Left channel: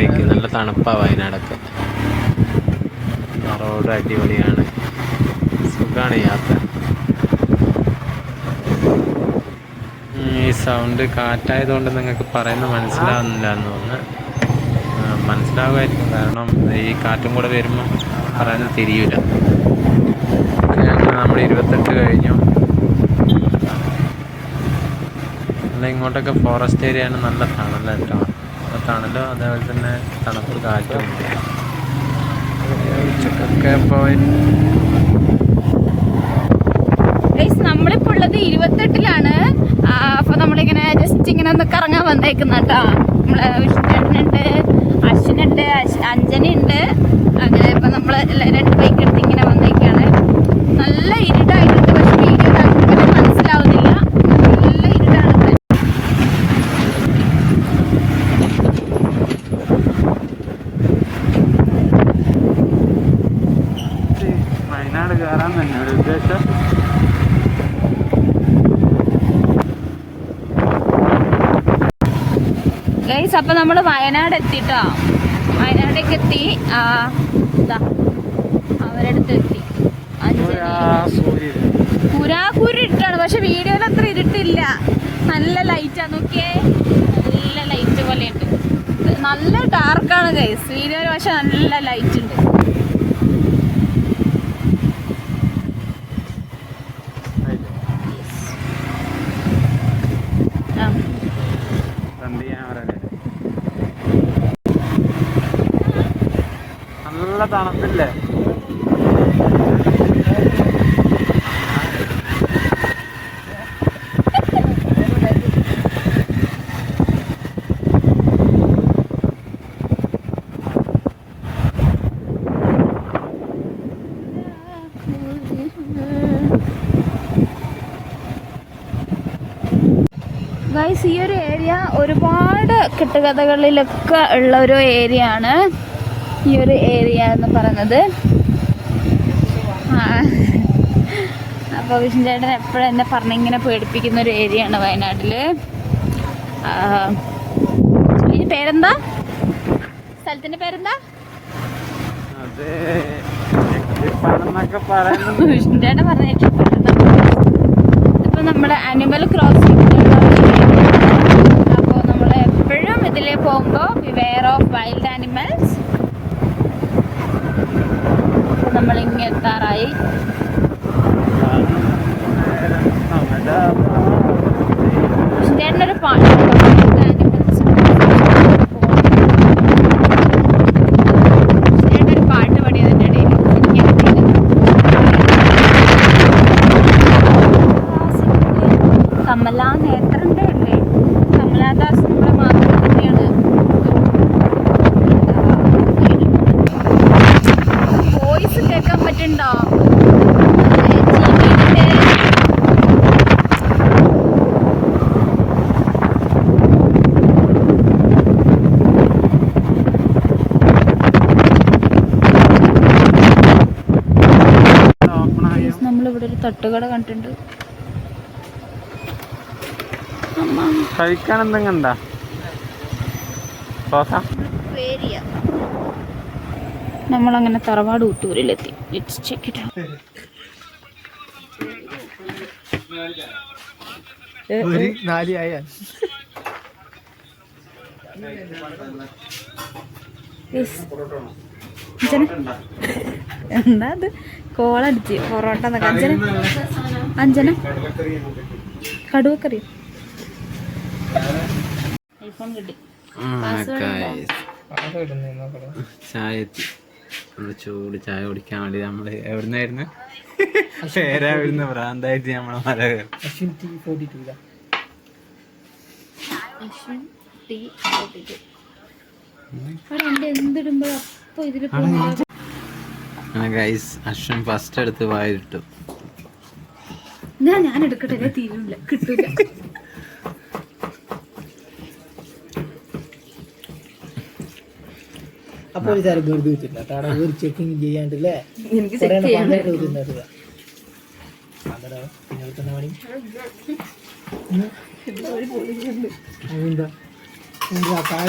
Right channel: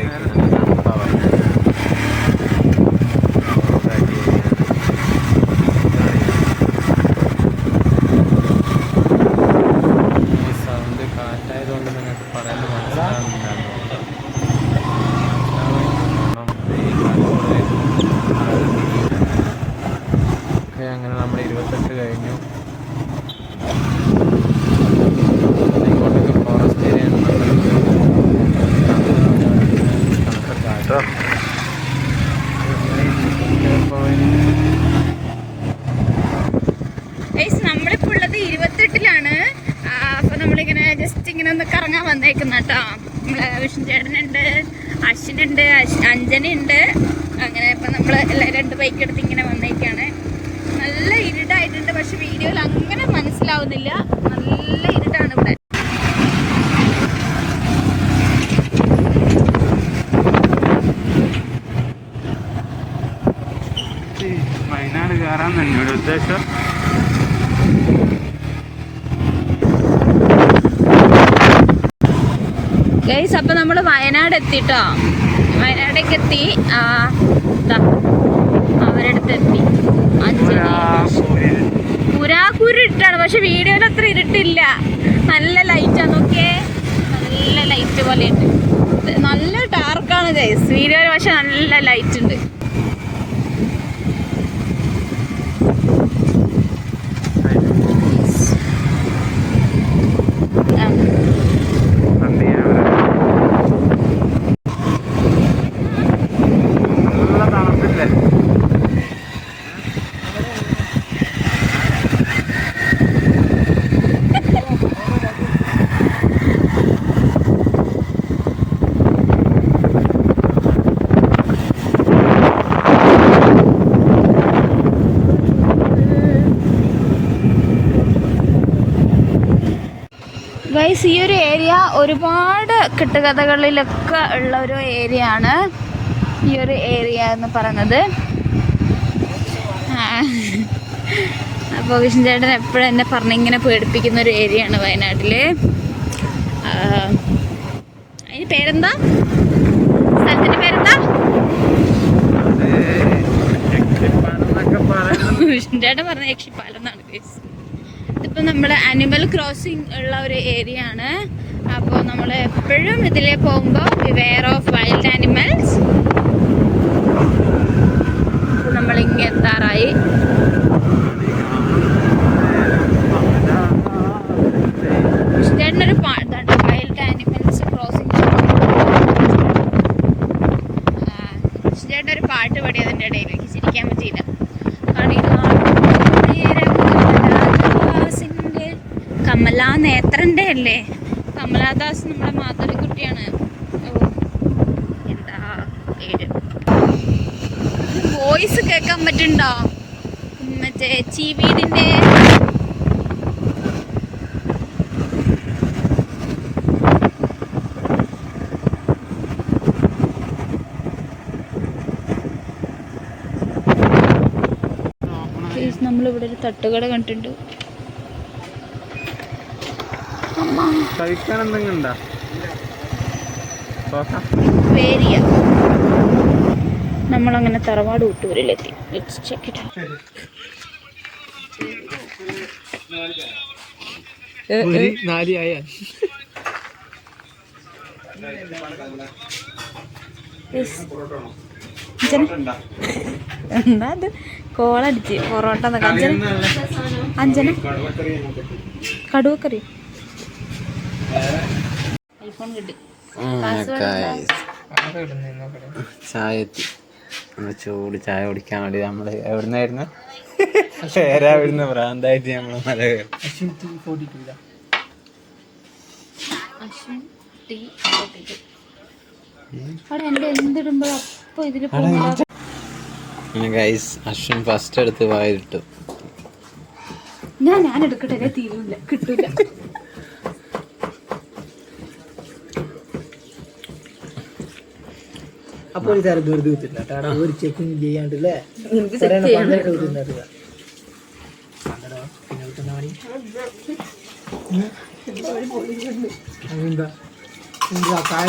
വയനാട്ടിലേക്ക്. നല്ല തണുപ്പാണ് വയനാട്. റോഡ് അടിപൊളിയാണ്, സുഖമാണ് യാത്ര. ഈ സൗണ്ട് കാറ്റായതുകൊണ്ട് നിങ്ങൾക്ക് പറയുന്നത് മനസ്സിലാവുന്നില്ല എന്ന് തോന്നുന്നു. മനസ്സിലാവുമായിരിക്കും, കാരണം ഈ കാറ്റും കൂടെ വരുമ്പം പറയുന്നത് തിരിയില്ല. നമ്മൾ 28 കഴിഞ്ഞു. ഇങ്ങോട്ടൊക്കെ ഫോറസ്റ്റ് ഏരിയയാണ്. നല്ല തണുപ്പല്ലോ, അതേപോലെ തന്നെ തണുപ്പ് കാറ്റും നമ്മളിപ്പോൾ ഉള്ളത് 28-ലാണ്. അപ്പോൾ നമ്മളിങ്ങനെ ജസ്റ്റ് ഇങ്ങനെ ഒന്ന് കറങ്ങാൻ വന്നേക്കുന്ന കേട്ടോ. നമ്മളെ വിഷ്ണുചേട്ടനുണ്ട്, അശ്വിനുണ്ട്, അഞ്ജനുണ്ട്. അങ്ങനെ ഇപ്പം നമ്മൾ എല്ലാവരും 2 ബൈക്ക് എടുത്ത് ഇങ്ങനെ വന്നേക്കാണ്. നല്ല ഇരുട്ടായിട്ടുണ്ട്, പക്ഷെ വീഡിയോയിൽ അങ്ങനെ മനസ്സിലാവുന്നില്ല. നല്ല ഇരുട്ടാണ് ഇവിടെ. വയനാട് കയറാൻ തന്നെയാണ് ഉദ്ദേശം. ഗൈസ്, അപ്പം നമ്മൾ വയനാട് എത്തിട്ടോ. വയനാടേക്ക് എത്തി. അവരടുത്ത് എത്തി. പുരാക്കൂരിട്ടാണ്, പക്ഷെ വീഡിയോയിൽ അത്ര ഇരുട്ടില്ല. നല്ല ലൈറ്റാ, നോക്കിയേ, നല്ല ലൈറ്റ് പോലെയുണ്ട്. നല്ല ഡാർക്കാണ് ഗൈസ് വീഡിയോയിൽ, പക്ഷെ നല്ല ലൈറ്റ് ഉണ്ട്. നല്ല തണുപ്പില്ലേ? ഗൈസ്, ഈ ഒരു ഏരിയ ഒരുപാട് കെട്ടുകഥകളിലൊക്കെ ഉള്ള ഒരു ഏരിയ ആണ് ഈ ഒരു ഏരിയ എന്ന് പറയുന്നത്. അപ്പോൾ വിഷ്ണു ചേട്ടൻ എപ്പോഴും എന്നെ പറഞ്ഞിങ്ങനെ പേടിപ്പിക്കുന്ന ഒരു ഏരിയ ആണ് വയനാട്ടിൽ. അതിന് പേരെന്താ? സ്ഥലത്തിൻ്റെ പേരെന്താ? വിഷ്ണു ചേട്ടൻ പറഞ്ഞ യക്ഷിപ്പാലം. ഇതിപ്പോൾ നമ്മുടെ ആനിമൽ ക്രോസിംഗ് ഉള്ള ഒരു ഏരിയ ആണ്. അപ്പോൾ നമ്മൾ എപ്പോഴും ഇതിലേ പോകുമ്പോൾ ബിവെയർ ഓഫ് വൈൽഡ് ആനിമൽസ്. അപ്പോൾ നമ്മളിങ്ങനെ എത്താറായി. ചേട്ടനൊരു പാട്ട്, വൈൽഡ് ആനിമൽസ് ചേട്ടൻ ഒരു പാട്ട് പാടി അതിൻ്റെ ഇടയിൽ ചിരിക്കാൻ പറ്റിയില്ല. കമലാ നേത്രൻ്റെ അല്ലേ? കമലാദാസ് നമ്മുടെ മാതൃകുട്ടിയാണ്. വോയിസ് കേൾക്കാൻ പറ്റുന്നുണ്ടോ? മറ്റേ ചീവീടിൻ്റെ നമ്മളിവിടെ ഒരു തട്ടുകട കണ്ടിട്ടുണ്ട്. കഴിക്കാൻ എന്തെങ്കിലും നമ്മളങ്ങനെ തറവാട് ഊട്ടൂരിലെത്തി. Let's check it out. എന്താ അത്? കോളടിച്ച് പൊറോട്ട. അഞ്ജന കടുവക്കറി ഐഫോൺ കിട്ടി. ചായ എത്തി. ചൂട് ചായ കുടിക്കാൻ വേണ്ടി നമ്മള് എവിടുന്നായിരുന്നു? പേരാവിടുന്ന് ഭ്രാന്തായിട്ട് നമ്മളെ മല എന്തിടുമ്പോ അപ്പൊ ഇതില് അശ്വിൻ ഫസ്റ്റ് എടുത്ത് വായിട്ടു. ഞാൻ എടുക്കട്ടെ, തീരൂല, കിട്ടൂല. അപ്പൊ ഒരു സ്ഥലം വെറുതെ വെച്ചിട്ടുണ്ട് ഒരു ചെക്കിങ് ചെയ്യാണ്ടല്ലേ. അതെന്താ കായ